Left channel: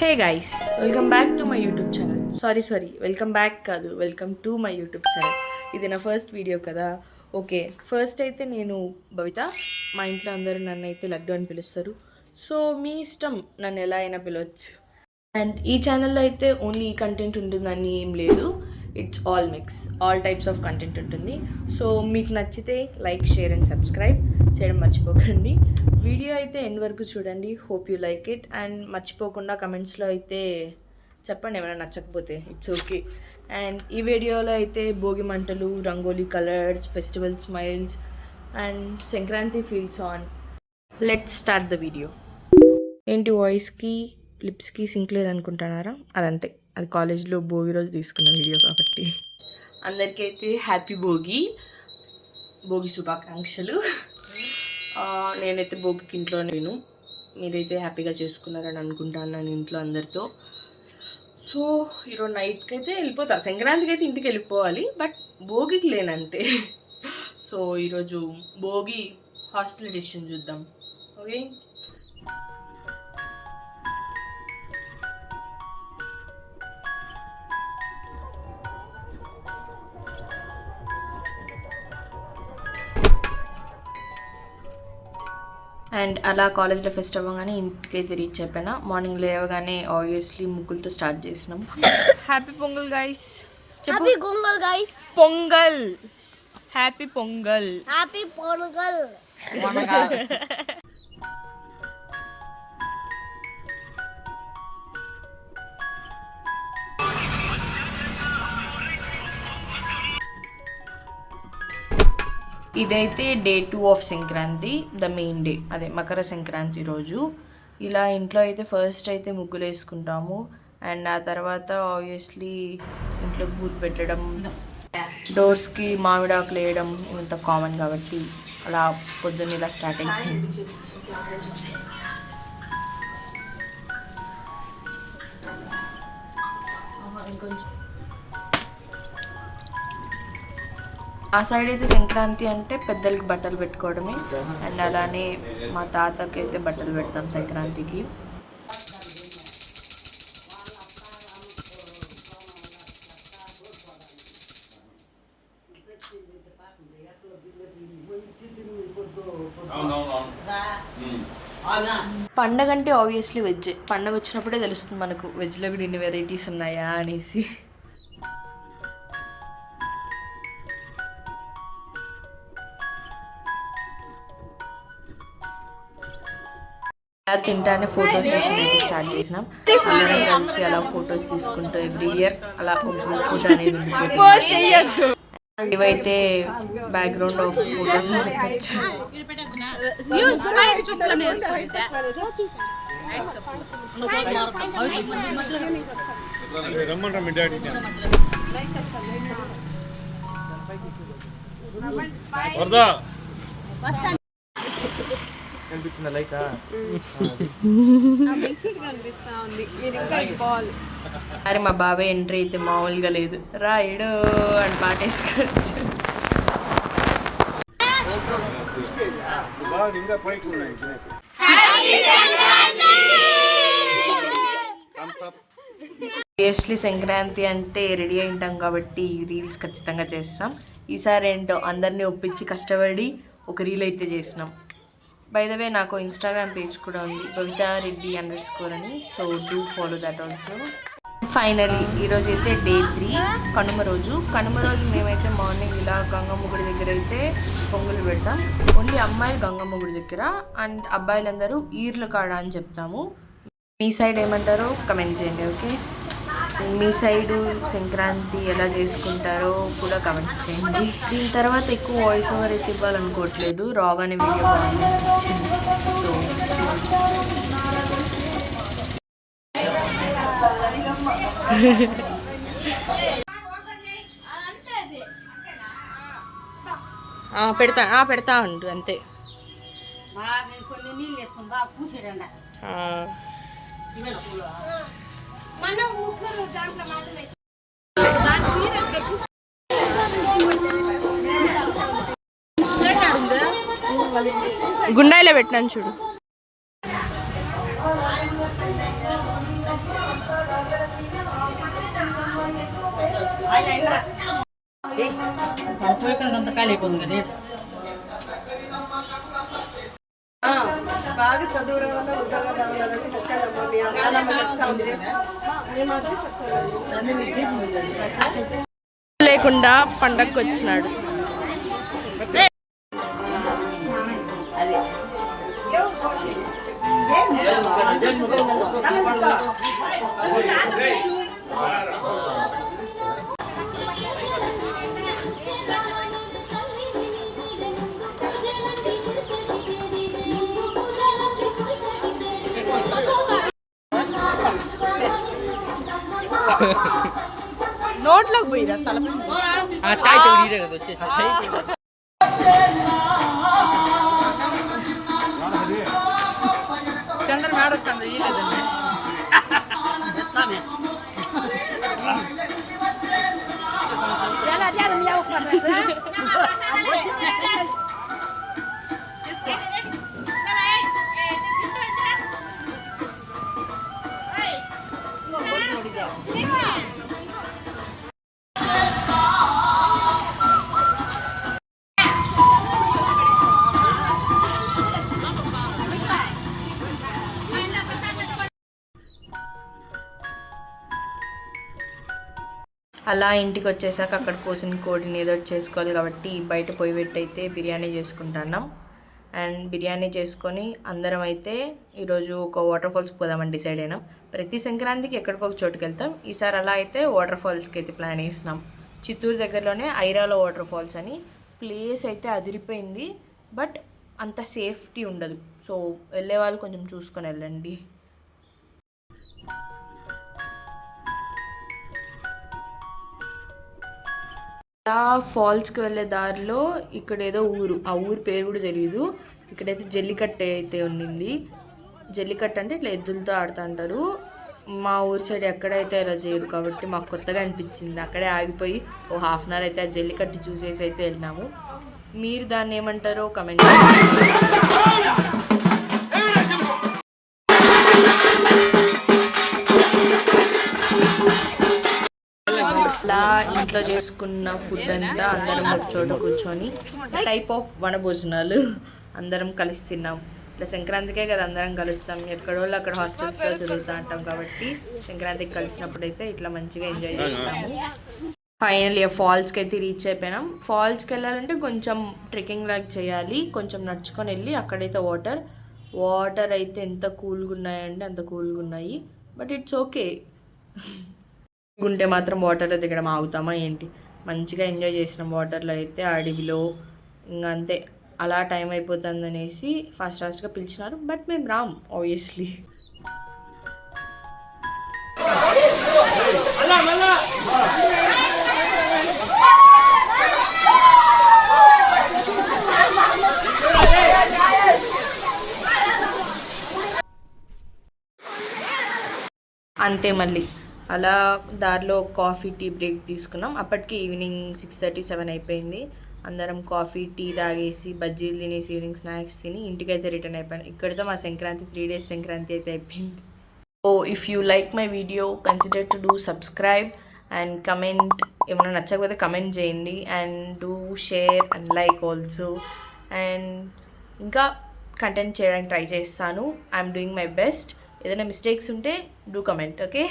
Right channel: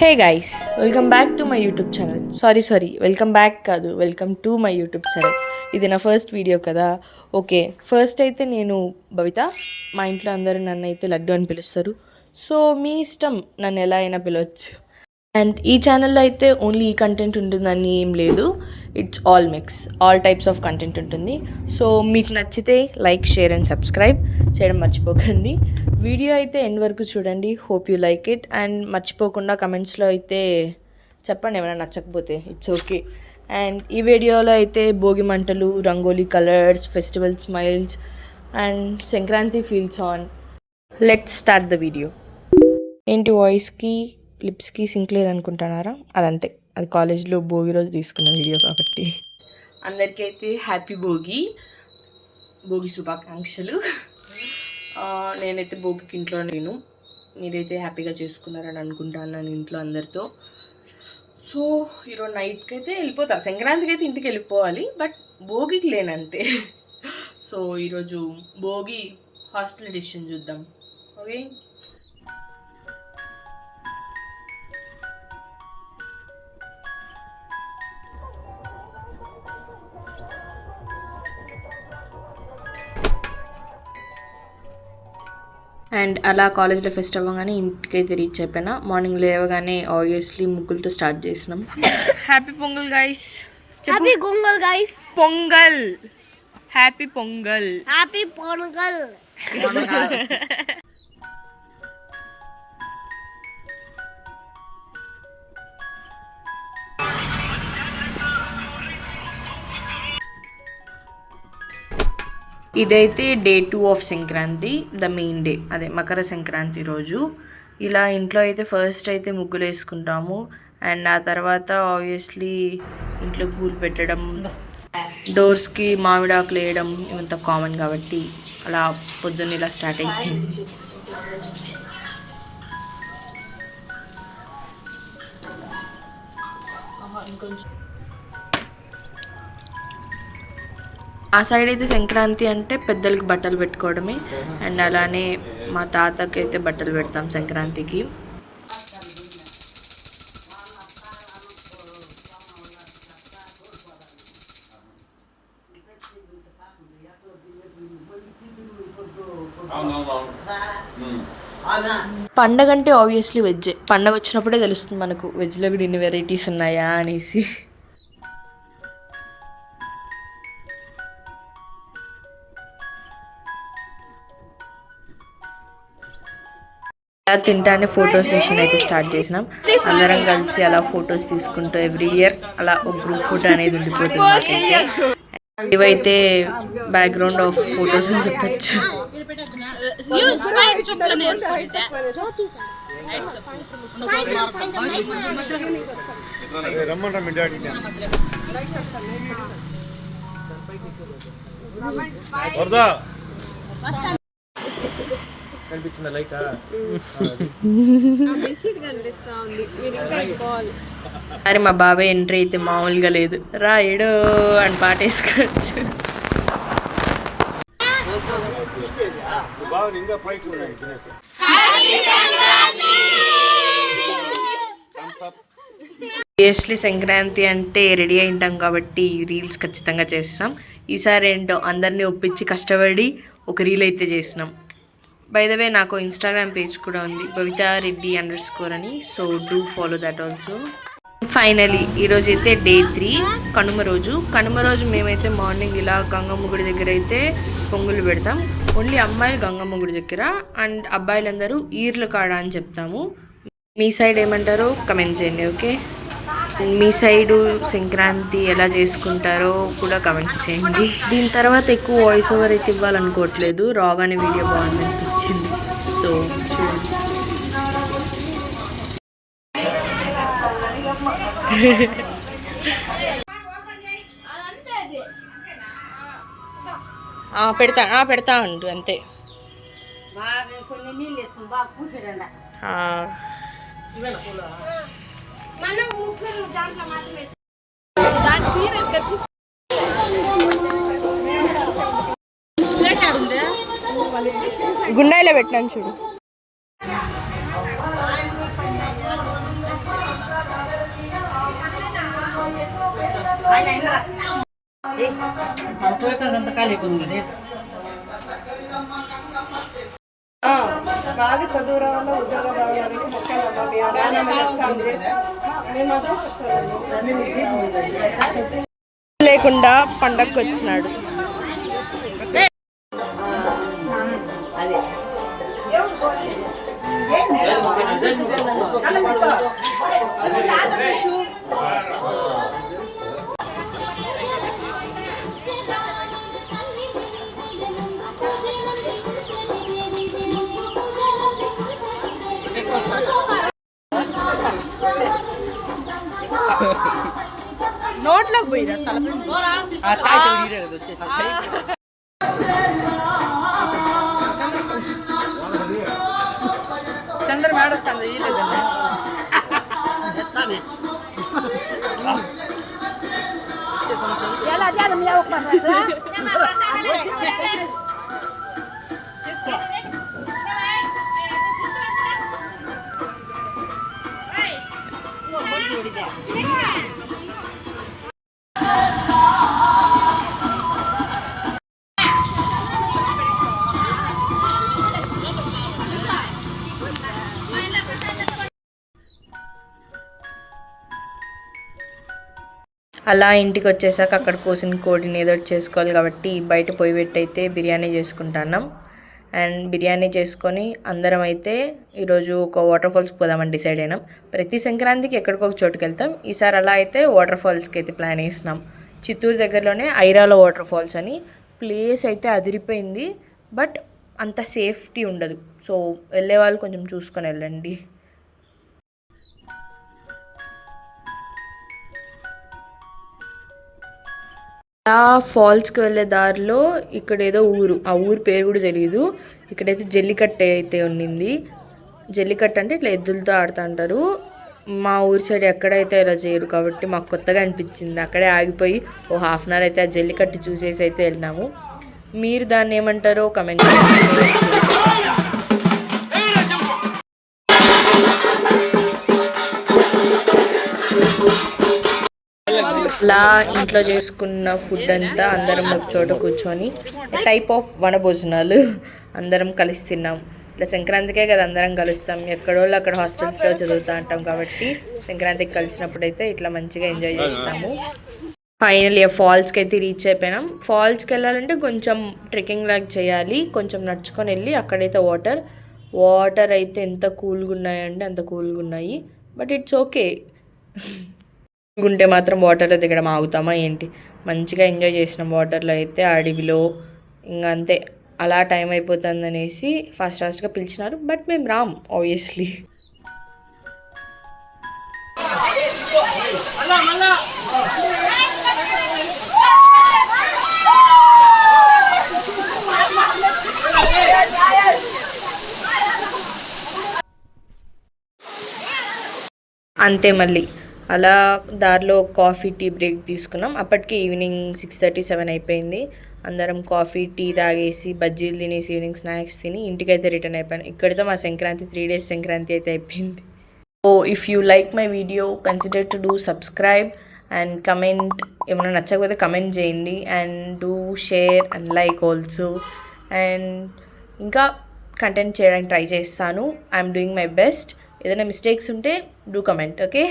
Hey guys, welcome back to my YouTube channel. Welcome back కాదు, welcome to my YouTube channel. ఇది నా first video కదా. Okay, first అయితే నేను భవిత. మా ఇంట్లో అందరూ నన్ను అయితే లడ్డు అని పిలుస్తారు. సో మీ ఇష్టం, నన్ను ఎలా అయినా పిలవచ్చు. అండ్ ఈ ఛానల్లో అయితే ఓన్లీ ఈ కంటెంట్ ఉంటుందని ఏం లేదు. It's all mix, all types of content ఉంటుంది. సో మీకు నచ్చితే లైక్, షేర్ అండ్ సబ్స్క్రైబ్ చేయడం మర్చిపోకండి. వీడియో అయితే ఎండ్ వరకు చూడండి. Hope you like it. And మర్చిపోకుండా కమెంట్స్లో అయితే చెప్పండి ఏమైనా నచ్చకపోతే. It's okay. అండ్ ఈ వీడియోలో అయితే భోగి మంటలు, rangoli colours, festival smiles and Sankranti feels on. Let's start the video. ఏంటి వాయిస్కి లిప్స్కి సింక్ లేదనుకుంటున్నారా? అదంతే, అది కాలేజ్లో భోగి రోజు తీసుకున్న వీడియో కాబట్టి. అందరికీ అయితే హ్యాపీ భోగి శుభాకాంక్షలు. నేనైతే భోగికి ఇంట్లో నేను, మీరైతే హ్యాపీగా చేసుకున్నారని అనుకుంటాను నేను ఇంట్లో అందరితో. సో ఈరోజు నైట్కి అయితే వెళ్ళిపోతా. సంక్రాంతికి అయితే ఇంటికి వెళ్ళిపోవాలి, బట్ భోగికి లేనంతే. సో ఈరోజు భోగి హాస్టల్ ఎడిషన్ చూద్దాం. ఓకే, అండ్ అలా కాలేజ్లో ఫెస్ట్ అవ్వగానే ఇంటికైతే రీచ్ అయిపోయినా. మార్నింగ్ లేవగానే ఆబ్వియస్లీ ముగ్గులతో స్టార్ట్ చేసినాం. Happy Pongal guys. Happy Pongal guys. Pongal, happy Pongal, happy Pongal. ఇదైతే day 2 of Sankranti, the main day, అదే మకర సంక్రాంతి రోజు. ఇలా ఇంట్లో అయితే ఫస్ట్ అయితే ముగ్గులు వేసుకుంటాము. అండ్ ఆ తర్వాత ఆబ్వియస్లీ ఇంట్లో పూలు పెట్టడం, డోర్స్కి మామిడాకులు వేయడం ఇవంతా కామన్ కాబట్టి అలా పొద్దున్న ఇలా స్టార్ట్ అయిపోయింది. ఆ సైడ్ అయితే సంక్రాంతి అంటే పెద్దలకి బట్టలు పెట్టుకోవడమే. అండ్ అలానే మా తాతకి అయితే బట్టలు పెడతాం సంక్రాంతికి. పండగ అంటే ఆబ్వియస్లీ వెజ్. పండగ వచ్చినప్పుడే తెలుస్తుంది మనకు వెజ్లో కూడా ఇన్ని వెరైటీస్ ఉన్నాయా అనేసి. తింటానే ఫోటో సెషన్ అయితే స్టార్ట్ చేసినాం. అందరం కలిసి అలా ఫొటోస్ తీసుకుంటూ ఎవ్రీ ఇయర్ అలా ఒక గ్రూప్ ఫోటో అనేది ఉండిపోతుంది. ఇవైతే బ్యాక్గ్రౌండ్ ఆఫ్ ఫొటోస్ అని చెప్పచ్చు. అరే మా బాబాయ్ ఎంట్రీ అయితే మామూలుగా లేదు. రాయుడు అని పాట వేసుకోవచ్చు. ఆబ్వియస్లీ సంక్రాంతి అంటే రెడీ అయింటాం కాబట్టి రీల్స్ ఖచ్చితంగా చేస్తాం. ఈసారి ఏంటో అందరినీ ఒప్పించి కష్టపడి ఒక రీల్ అయితే చేసినాం. బై ద వే నాకు ఇన్స్టాగ్రామ్ పేజ్ కూడా ఉంది, bhavithareddy_ అని. So do follow that also. Finally ఈరోజు అయితే డే 3, కనుమ రోజు మేమైతే మార్నింగ్ ఇలా గంగమ్మ గుడి దగ్గర అయితే పొంగులు పెడతాం. ఓన్లీ అమ్మాయిలు గంగమ్మ గుడి దగ్గర, అండ్ అబ్బాయిలందరూ ఈర్ల కాడ అని చెప్తాము. మీ సైడ్ ఏమంటారో కమెంట్ చేయండి. ఓకే, మీ సైడు సంక్రాంతి ఎలా చేసుకుంటారో కూడా కమెంట్స్ చేయండి. దీని తర్వాత ఎక్కువ వాయిస్ ఓవర్ అయితే ఇవ్వాలనుకోవట్లేదు, రాగానే వీడియో బాగుంది అనిపించింది. సో పెడతా ఉండు అంతే. గుండాయిలో పెట్టినాను చూడు. బాగా చదువు రావాలా ఉద్యోగం రావాలంటే మొక్కలమ్మ మీ నాన్నమ్మ చెప్తా ఉంది మేము అదే చెప్పాలి లేకుండా పండగకి వచ్చినాడు. నోట్లోకి పోయిరా తలపెట్టి చంద్ర మేడ వస్తుంది ఇయ్యలేదండి. అలా ఇంటికి వచ్చేసాక అక్కడ కోసిన కోడిని ఏదో ఒకటి చేసుకోవాలి కాబట్టి బయట పొయ్యి పెట్టి అయితే బిర్యానీ చేసుకుంటున్నాం. అండ్ బిర్యానీ చేసుకొని అందరం అయితే ఈరోజు ఒక వాటర్ ఫాల్స్కి పోదామని డిసైడ్ అయినాం. ప్రతి సంక్రాంతికి ఎక్కడికో ఒక చోటుకి వెళ్తాం. ఈసారి అలా అయితే వాటర్ ఫాల్స్కి అయితే ప్లాన్ వేసినాం. చిత్తూరు దగ్గరలోనే ఐరాల వాటర్ ఫాల్స్ అని. ప్లేస్ అయితే అదిరిపోయింది, బట్ అంత సేఫ్టీ ఉండదు. సో వెళ్ళే వాళ్ళు కొంచెం చూసుకొని వెళ్ళండి. ఆ ఫాల్స్కి వెళ్ళే దారిలో ఇక్కడ ఏదో ఊరు, ఆ ఊరు పేరు కూడా తెలియదు. ఇక్కడైతే జల్లికట్టు అయితే ఉండింది. జల్లికట్టు అంటే ఇట్లా ఎద్దులతో ఆడుతూ అంటారు. మా ఊరి సైడ్ ఎక్కడైతే ఇలా చేయరు కాబట్టి మాకు కొత్తగా అనిపించింది. అక్కడే ఆగిపోయి ఓ హాఫ్ అన్ అవర్ అయితే ఆ జల్లికట్టు చూసేసి అయితే వెళ్ళినాము. మీరు దాన్ని ఏమంటారో కమెంట్ అలా ఇంట్లో చేసుకున్న ఫుడ్ అంతా అందరం ఒక చోట కూర్చొని టైప్ ఆఫ్ వనభోజనాలు అందరం కలిసి తిన్నాం. ఇట్లా సంక్రాంతికే కదా అందరం కలుస్తాం. ఎక్కడోళ్ళు అక్కడ హాస్టల్స్లో చదువుతూ ఉంటాం కాబట్టి సంక్రాంతికి కలిసినప్పుడు అయితే ఇట్లా మంచిగా ఎంజాయ్ చేస్తాము. ఫైనల్లీ ఫాల్స్కి అయితే రీచ్ అయిపోయినాం. ఫాల్స్కి వెళ్ళాలంటే కొంచెం ట్రెక్కింగ్ లాగా చేయాలి. కొంచెం నడుచుకొని వెళ్ళి అక్కడైతే వాటర్ అయితే ఎంత కూల్గా ఉన్నాయంటే అంత కూల్గా ఉన్నాయి. But it's okay. ఉంటే మాత్రం వాటర్లో దిగడం ఆగుతామా ఏంటి? మంచిగా ఎంజాయ్ చేసినాం వాటర్లో అయితే. అడవిలో ఇంకా అంతే. అలా టైం అయిపోతుంది అనేసి ఫాస్ట్గా పిలిచినారు, బట్ మేము రామ్ ఆబ్వియస్లీ. అంతే మళ్ళీ అలా దారిలో కాఫీ టీ బ్రేక్ తీసుకున్నాం. అప్పటికి ఈవినింగ్ 6:30, 7 అయిపోయింది. అందరం కాఫీ టీ తాగేసి బజ్జీలు తినేసి ఈవినింగ్ స్నాక్స్ తిని ఇంటికైతే రిటర్న్ అయిపోయాను. ఇక్కడితో మా సంక్రాంతి 3 days సంక్రాంతి అయితే అయిపోయింది. Oh if you like my video consider to do subscribe and comment. ఏమైనా నచ్చకపోతే కమెంట్ చేయండి. And do share and like also. And ఇంకా కంటెంట్ చేయడానికి ట్రై చేస్తాను. I'm doing my best. ఏదైనా మిస్టేక్స్ ఉంటే డూ కమెంట్, ఓకే?